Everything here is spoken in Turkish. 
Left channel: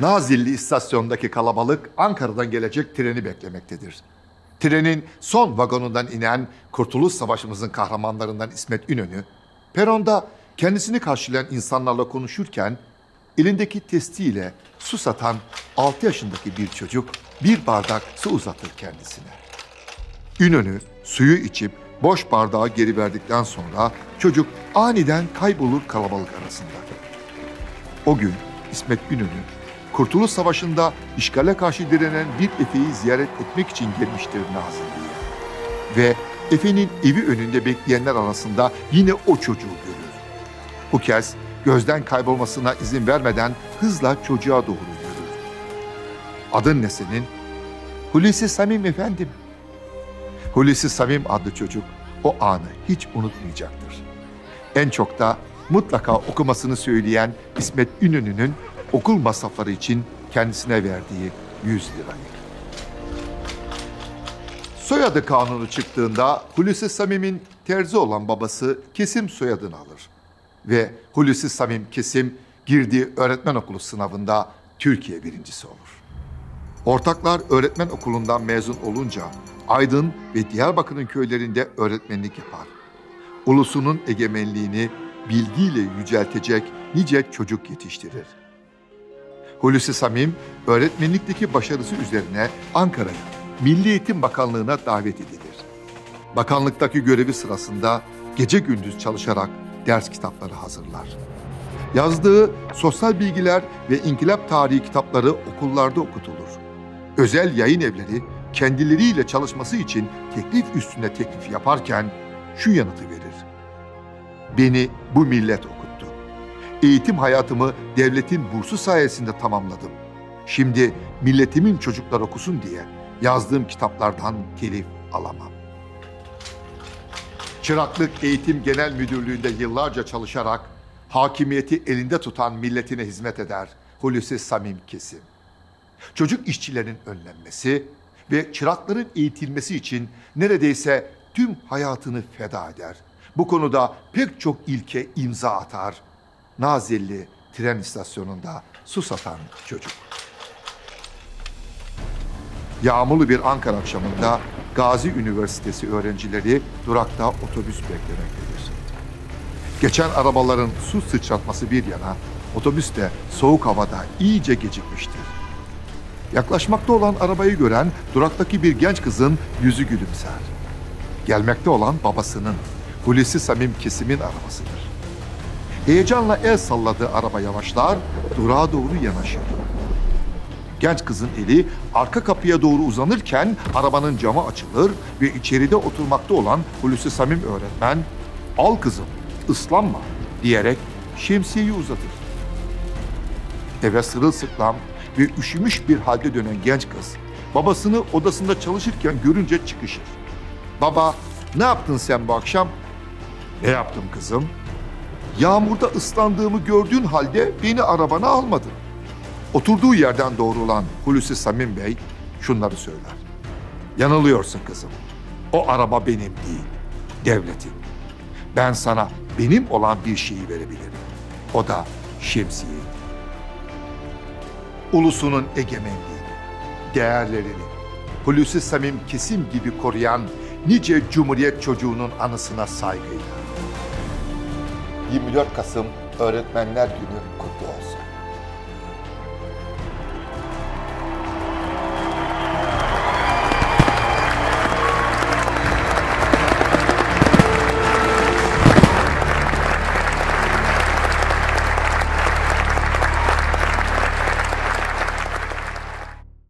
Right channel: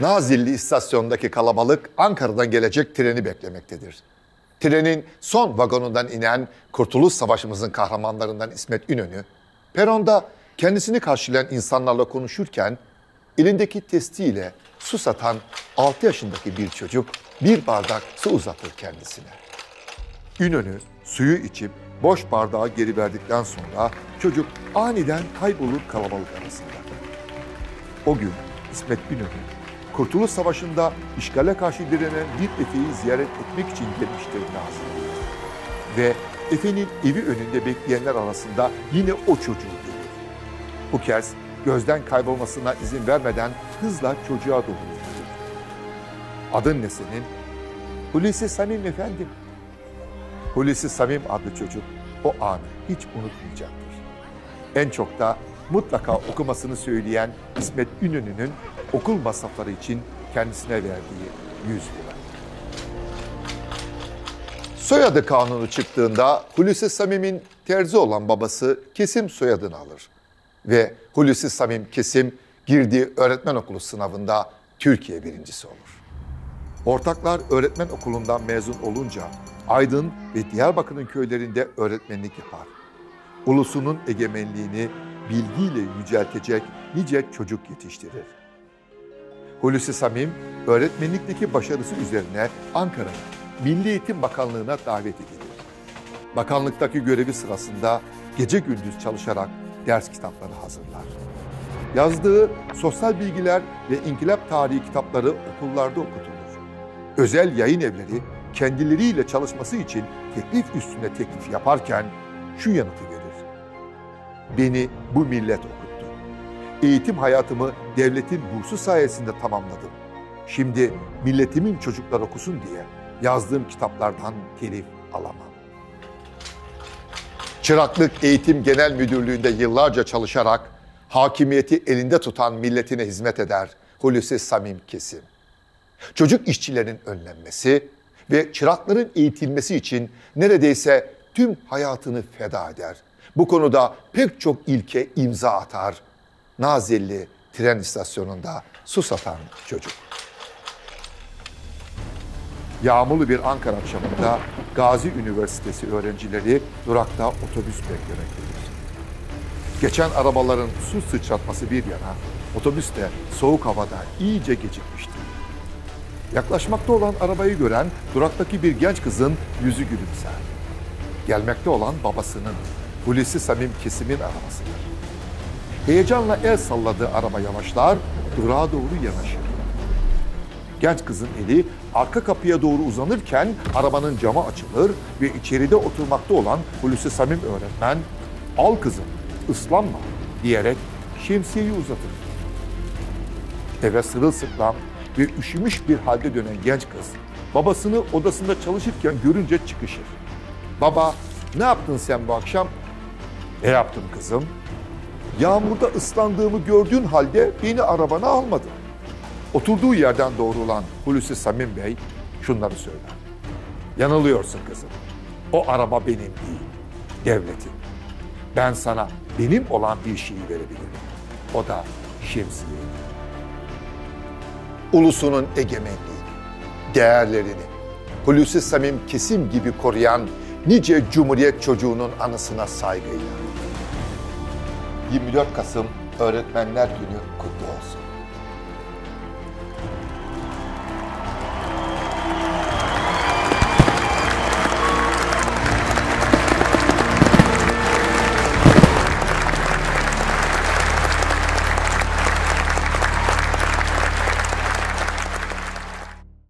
Nazilli istasyonundaki kalabalık Ankara'dan gelecek treni beklemektedir. Trenin son vagonundan inen Kurtuluş Savaşımızın kahramanlarından İsmet İnönü, peronda kendisini karşılayan insanlarla konuşurken elindeki testiyle su satan 6 yaşındaki bir çocuk bir bardak su uzatır kendisine. İnönü suyu içip boş bardağı geri verdikten sonra çocuk aniden kaybolur kalabalık arasında. O gün İsmet İnönü, Kurtuluş Savaşı'nda işgale karşı direnen bir efeyi ziyaret etmek için gelmiştir Nazilli'ye. Ve efenin evi önünde bekleyenler arasında yine o çocuğu görür. Bu kez gözden kaybolmasına izin vermeden hızla çocuğa doğru gider. Adın ne senin? Hulusi Samim efendim. Hulusi Samim adlı çocuk o anı hiç unutmayacaktır. En çok da mutlaka okumasını söyleyen İsmet İnönü'nün okul masrafları için kendisine verdiği 100 lira. Soyadı kanunu çıktığında Hulusi Samim'in terzi olan babası Kesim soyadını alır. Ve Hulusi Samim Kesim girdiği öğretmen okulu sınavında Türkiye birincisi olur. Ortaklar öğretmen okulundan mezun olunca Aydın ve Diyarbakır'ın köylerinde öğretmenlik yapar. Ulusunun egemenliğini bilgiyle yüceltecek nice çocuk yetiştirir. Hulusi Samim, öğretmenlikteki başarısı üzerine Ankara'ya, Milli Eğitim Bakanlığı'na davet edilir. Bakanlıktaki görevi sırasında gece gündüz çalışarak ders kitapları hazırlar. Yazdığı sosyal bilgiler ve inkılap tarihi kitapları okullarda okutulur. Özel yayın evleri kendileriyle çalışması için teklif üstüne teklif yaparken şu yanıtı verir. Beni bu millet okuttu. Eğitim hayatımı devletin bursu sayesinde tamamladım. Şimdi milletimin çocuklar okusun diye yazdığım kitaplardan telif alamam. Çıraklık Eğitim Genel Müdürlüğü'nde yıllarca çalışarak hakimiyeti elinde tutan milletine hizmet eder Hulusi Samim Kesim. Çocuk işçilerin önlenmesi ve çırakların eğitilmesi için neredeyse tüm hayatını feda eder. Bu konuda pek çok ilke imza atar. Nazilli tren istasyonunda su satan çocuk. Yağmurlu bir Ankara akşamında Gazi Üniversitesi öğrencileri durakta otobüs beklemektedir. Geçen arabaların su sıçratması bir yana, otobüs de soğuk havada iyice gecikmişti. Yaklaşmakta olan arabayı gören duraktaki bir genç kızın yüzü gülümser. Gelmekte olan babasının, Hulusi Samim Kesim'in arabasıdır. Heyecanla el salladığı araba yavaşlar, durağa doğru yanaşır. Genç kızın eli arka kapıya doğru uzanırken arabanın camı açılır ve içeride oturmakta olan Hulusi Samim öğretmen, "Al kızım, ıslanma," diyerek şemsiyeyi uzatır. Eve sırılsıklam ve üşümüş bir halde dönen genç kız, babasını odasında çalışırken görünce çıkışır. "Baba, ne yaptın sen bu akşam?" "Ne yaptım kızım?" "Yağmurda ıslandığımı gördüğün halde beni arabana almadın." Oturduğu yerden doğrulan Hulusi Samim Bey şunları söyler. "Yanılıyorsun kızım. O araba benim değil, devletin. Ben sana benim olan bir şeyi verebilirim. O da şemsiye. Ulusunun egemenliğini, değerlerini Hulusi Samim Kesim gibi koruyan nice Cumhuriyet çocuğunun anısına saygıyla. 24 Kasım Öğretmenler Günü kutlu olsun.